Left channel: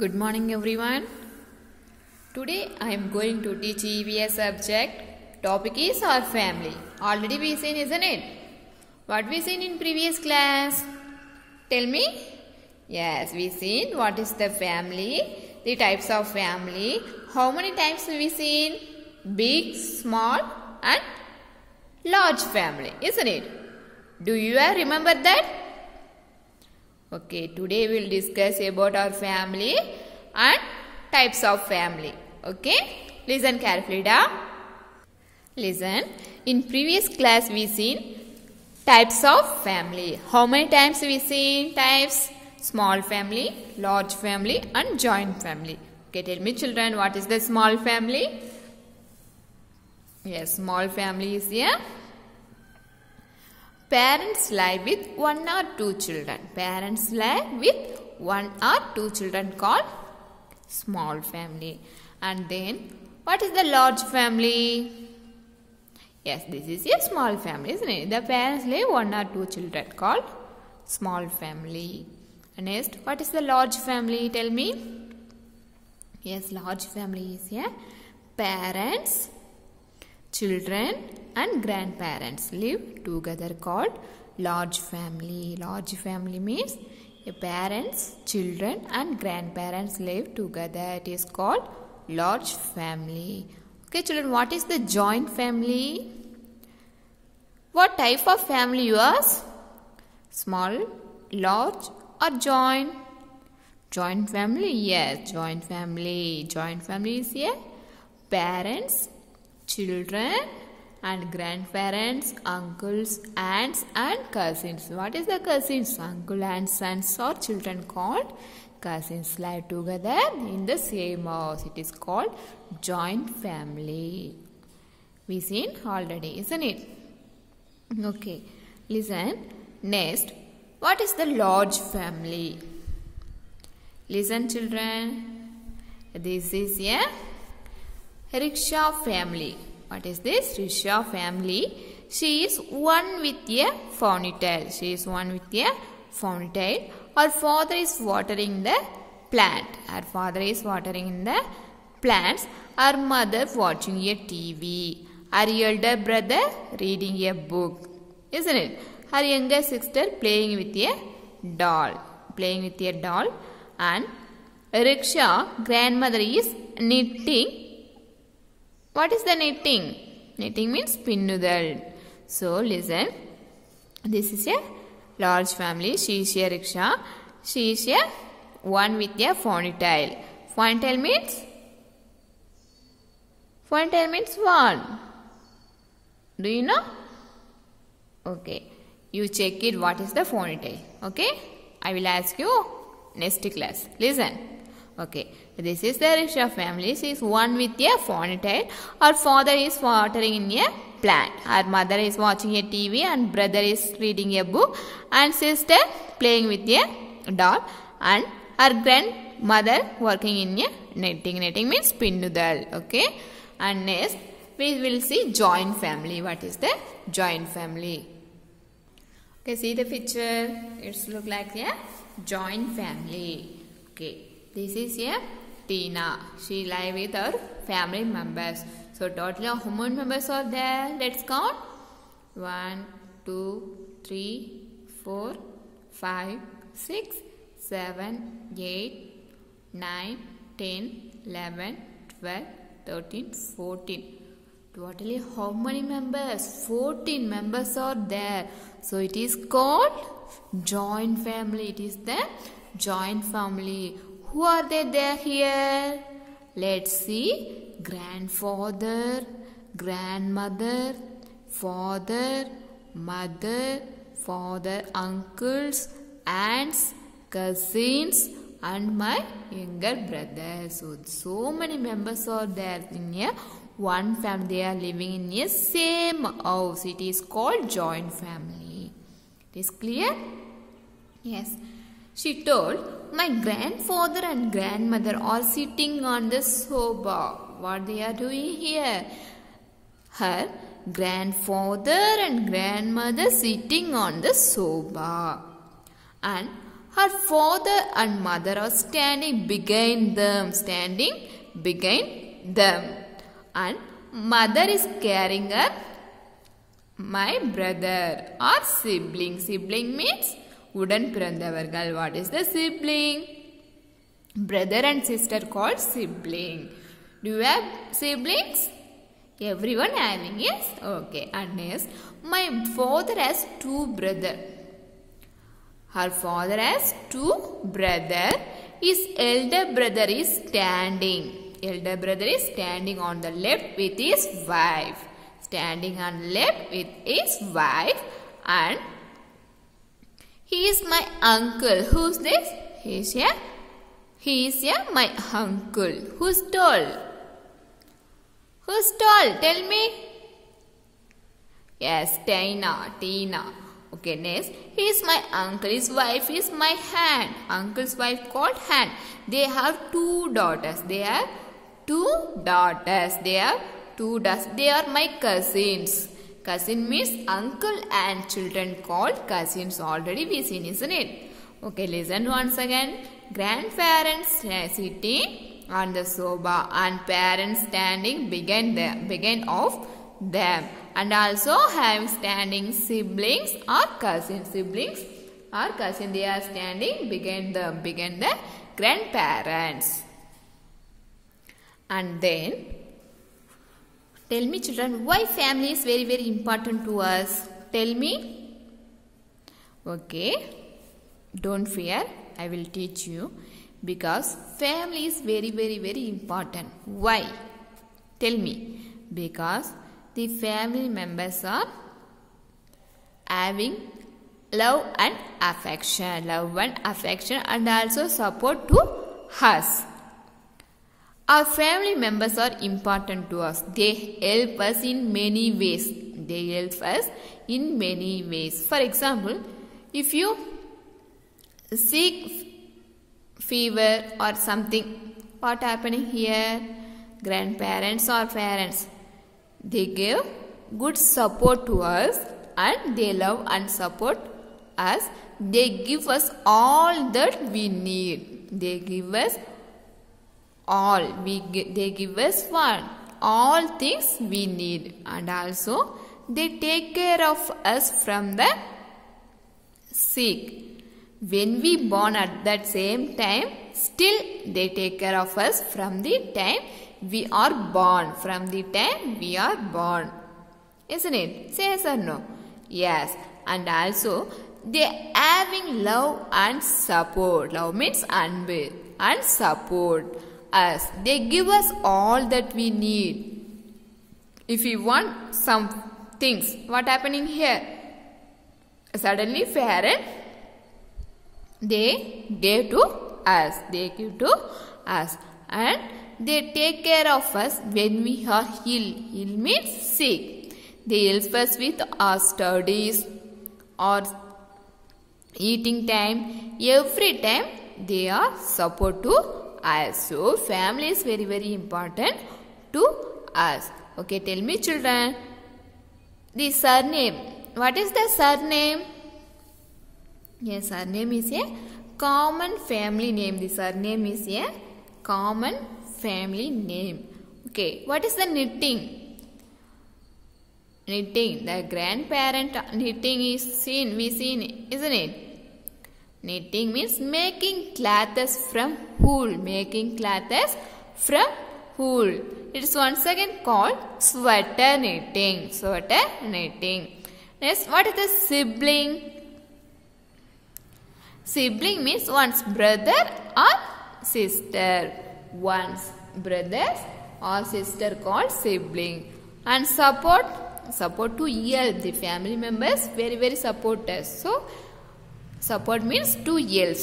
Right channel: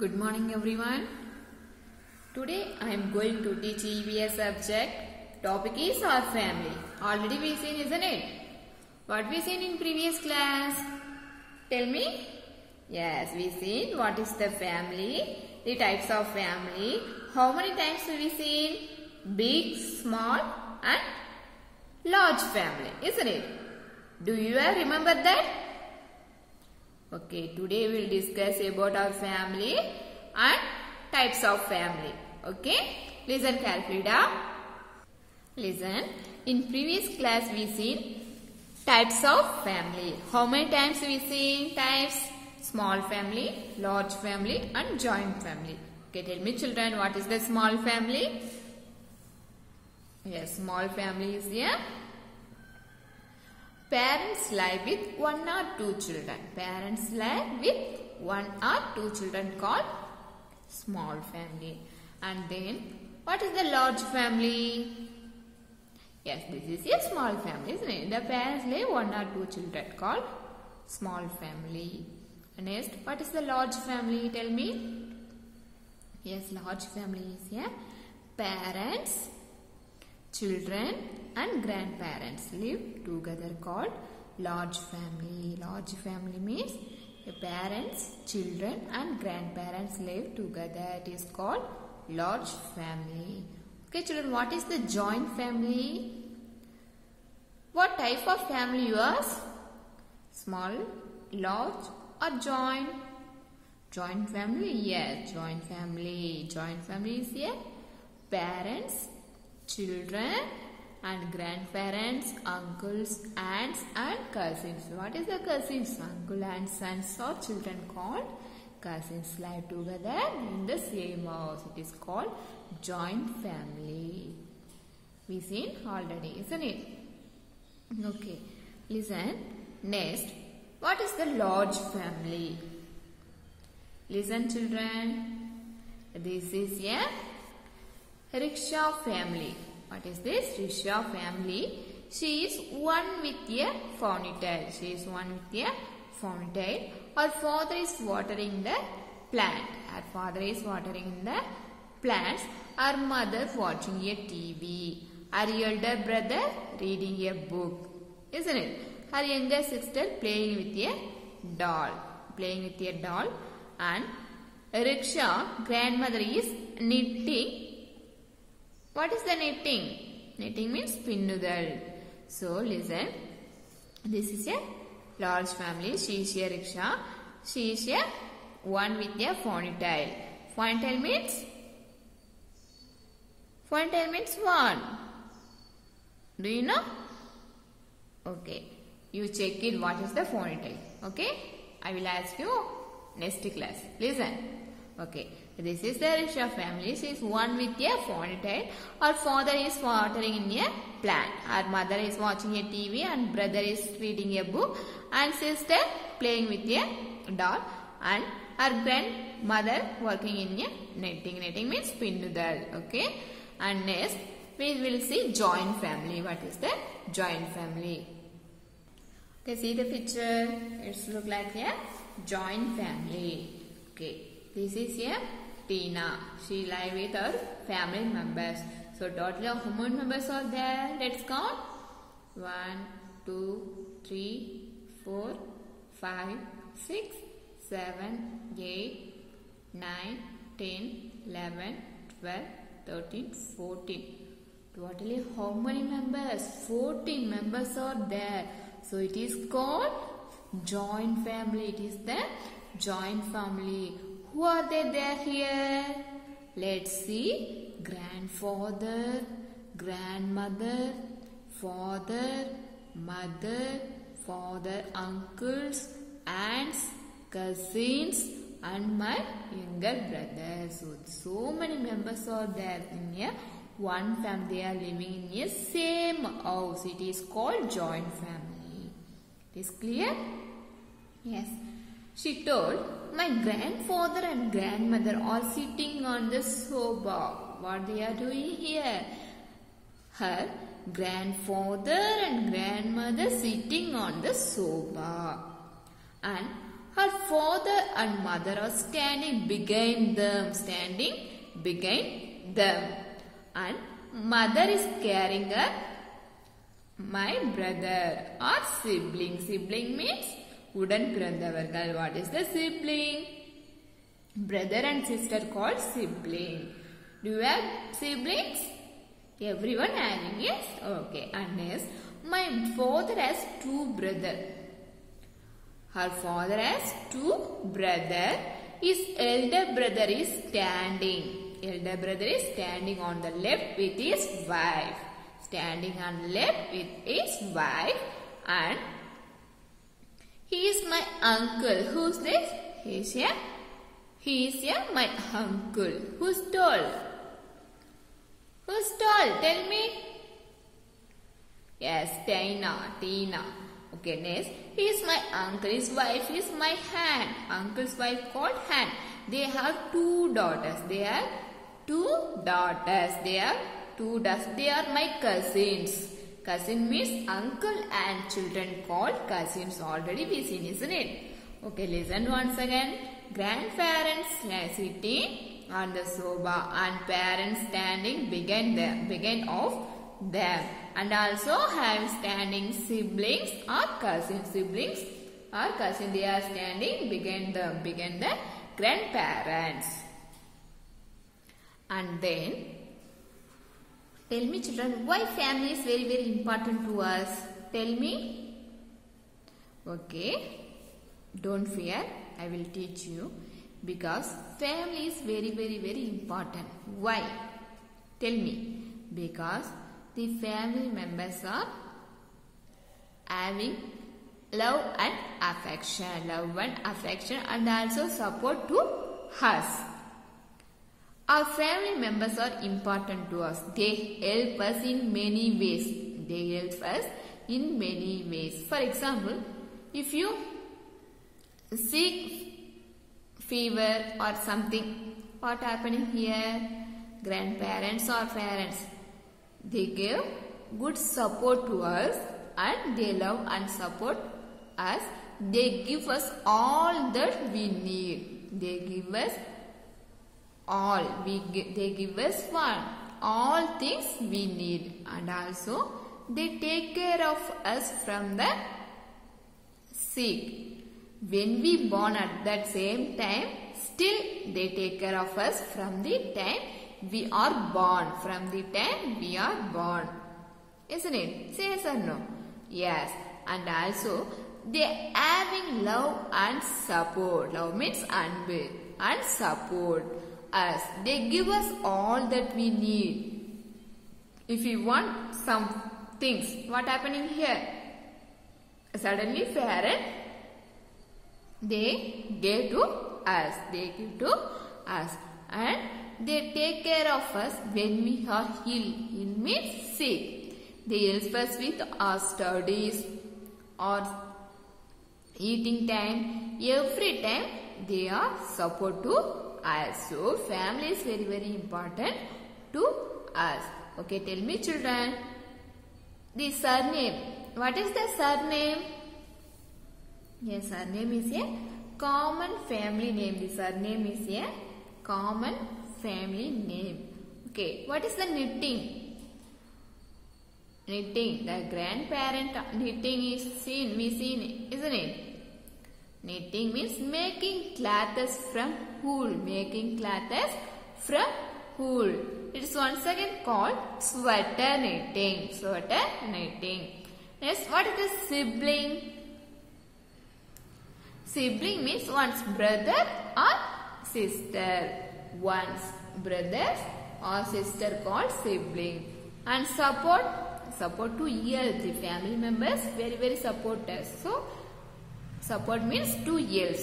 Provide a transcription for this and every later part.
Good morning everyone. Today I am going to teach EVS subject. Topic is our family. Already we seen, isn't it? What we seen in previous class? Tell me. Yes, we seen what is the family, the types of family. How many types we seen? Big, small and large family, isn't it? Do you remember that? Okay, today we will discuss about our family and types of family. Okay, listen carefully down. Listen, in previous class we seen types of family. How many times we seen types? Small family, large family and joint family. Okay, tell me children, what is the small family? Yes, small family is here. Parents live with one or two children. Parents live with one or two children called small family. And then what is the large family? Yes, this is a small family, isn't it? The parents live one or two children called small family. And next, what is the large family? Tell me. Yes, large family is here. Parents, children and grandparents live together called large family. Large family means parents, children and grandparents live together. It is called large family. Okay children, what is the joint family? What type of family you ask? Small, large or joint? Joint family? Yes, joint family. Joint family is here. Parents, children and grandparents, uncles, aunts and cousins. What is the cousins? Uncle and sons or children called cousins live together in the same house. It is called joint family. We seen already, isn't it? Okay, listen. Next, what is the large family? Listen children. This is a rickshaw family. What is this? Rickshaw family. She is one with a ponytail. She is one with a ponytail. Her father is watering the plant. Her father is watering the plants. Her mother watching a TV. Her elder brother reading a book. Isn't it? Her younger sister playing with a doll. Playing with a doll. And rickshaw grandmother is knitting. What is the knitting? Knitting means pinnudal. So listen. This is a large family. She is a rickshaw. She is a one with a ponytail. Ponytail means? Ponytail means what? Do you know? Okay. You check it what is the ponytail. Okay. I will ask you next class. Listen. Okay, this is the rickshaw family. She is one with a ponytail. Her father is watering in a plant. Her mother is watching a TV and brother is reading a book. And sister playing with a doll. And her grandmother working in a knitting. Knitting means pinnudal. Okay. And next we will see joint family. What is the joint family? Okay, see the picture. It's look like a joint family. Okay. This is a Tina. She live with her family members. So totally how many members are there? Let's count. 1, 2, 3, 4, 5, 6, 7, 8, 9, 10, 11, 12, 13, 14. Totally how many members? 14 members are there. So it is called joint family. It is the joint family. Who are they there here? Let's see. Grandfather, grandmother, father, mother, father, uncles, aunts, cousins and my younger brother. So many members are there in a one family. They are living in a same house. It is called joint family. It is clear? Yes. She told, my grandfather and grandmother are sitting on the sofa. What they are doing here? Her grandfather and grandmother sitting on the sofa. And Her father and mother are standing behind them. Standing behind them. And mother is carrying her my brother or sibling. Sibling means உடன் பிறந்தவர்கள். What is the sibling? Brother and sister called sibling. Do you have siblings? Everyone having, yes? Okay. And next, my father has two brothers. Her father has two brothers. His elder brother is standing. Elder brother is standing on the left with his wife. Standing on left with his wife. And he is my uncle. Who's this? He is my uncle. Who's tall? Who's tall? Tell me. Yes, Tina. Okay, next. He is my uncle. His wife is my aunt. Uncle's wife called aunt. They have two daughters. They are my cousins. Cousin means uncle and children called cousins. Already we seen, isn't it? Okay, listen once again. Grandparents sitting on the sofa and parents standing behind of them. And also have standing siblings or cousins. Siblings or cousins, they are standing behind the grandparents. And then, tell me children, why family is very, very important to us? Tell me. Okay. Don't fear. I will teach you. Because family is very, very, very important. Why? Tell me. Because the family members are having love and affection. And also support to us. Our family members are important to us. They help us in many ways. For example, if you sick, fever or something, what happening here? Grandparents or parents, they give good support to us and they love and support us. They give us all that we need. They give us all. They give us what? All things we need. And also they take care of us from the sick. When we born at that same time, still they take care of us from the time we are born. Isn't it? Say yes or no? Yes. And also they having love and support. Love means anbu and support us. They give us all that we need. If we want some things, what happening here? Suddenly parent, they give to us. And they take care of us when we are ill. Ill means sick. They help us with our studies or eating time. Every time they are support to us. So family is very, very important to us. Okay, tell me children. The surname. What is the surname? Yes, surname is a common family name. The surname is a common family name. Okay, what is the knitting? Knitting. The grandparent knitting is we seen, isn't it? Knitting means making clothes from wool. It is once again called sweater knitting. Next, what is the sibling? Sibling means one's brother or sister. One's brothers or sister called sibling. And support to help. The family members very, very support us. So support means to help.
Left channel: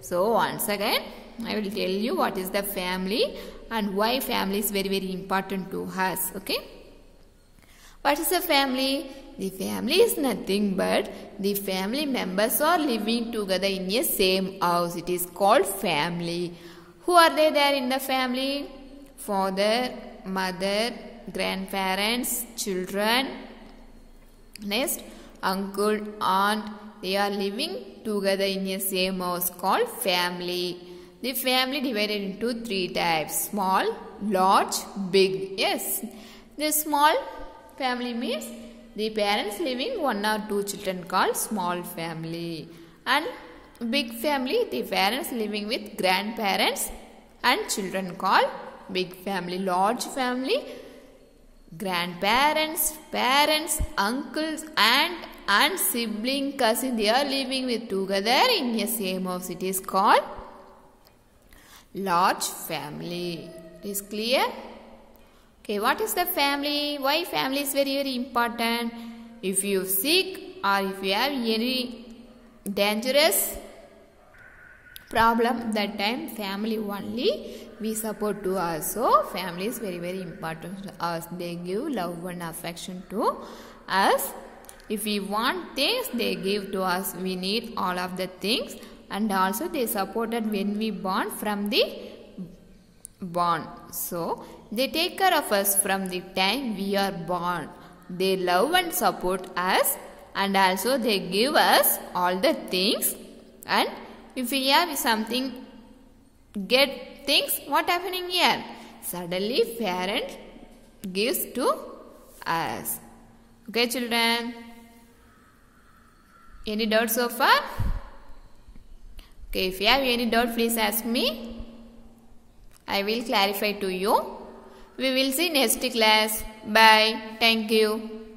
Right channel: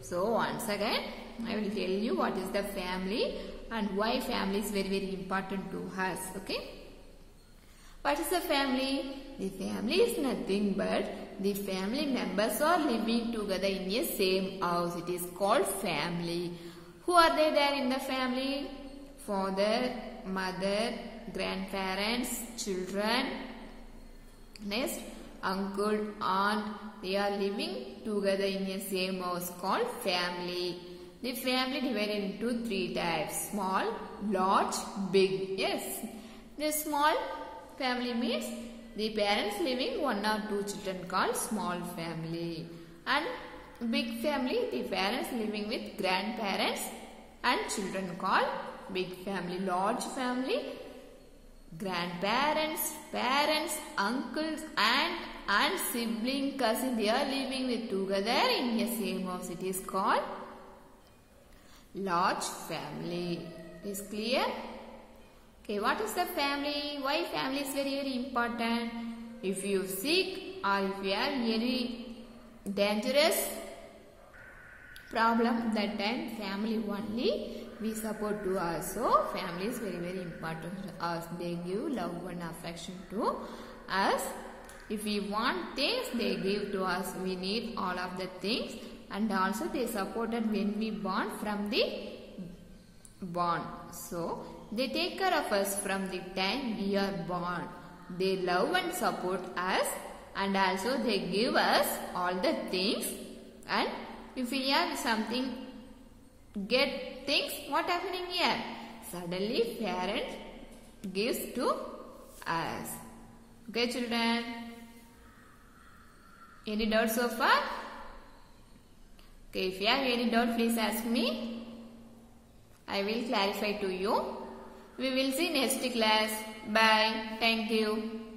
So once again I will tell you what is the family and why family is very, very important to us. Okay. What is a family? The family is nothing but the family members are living together in a same house. It is called family. Who are they there in the family? Father, mother, grandparents, children. Next, uncle, aunt, they are living together in a same house called family. The family divided into 3 types: small, large, big. Yes, the small family means the parents living 1 or 2 children called small family, and big family, the parents living with grandparents and children called big family. Large family, grandparents, parents, uncles, aunt and sibling, cousin, they are living with together in a same house. It is called large family. It is clear? Okay, what is the family? Why family is very, very important? If you sick or if you have any dangerous problem, that time family only we support to us. So family is very, very important to us. They give love and affection to us. If we want things, they give to us. We need all of the things, and also they supported when we born from the born. So they take care of us from the time we are born. They love and support us, and also they give us all the things. And if we have something, get things, what happening here? Suddenly parent gives to us. Okay, children? Any doubts so far? Okay, if you have any doubt, please ask me. I will clarify to you. We will see next class. Bye. Thank you.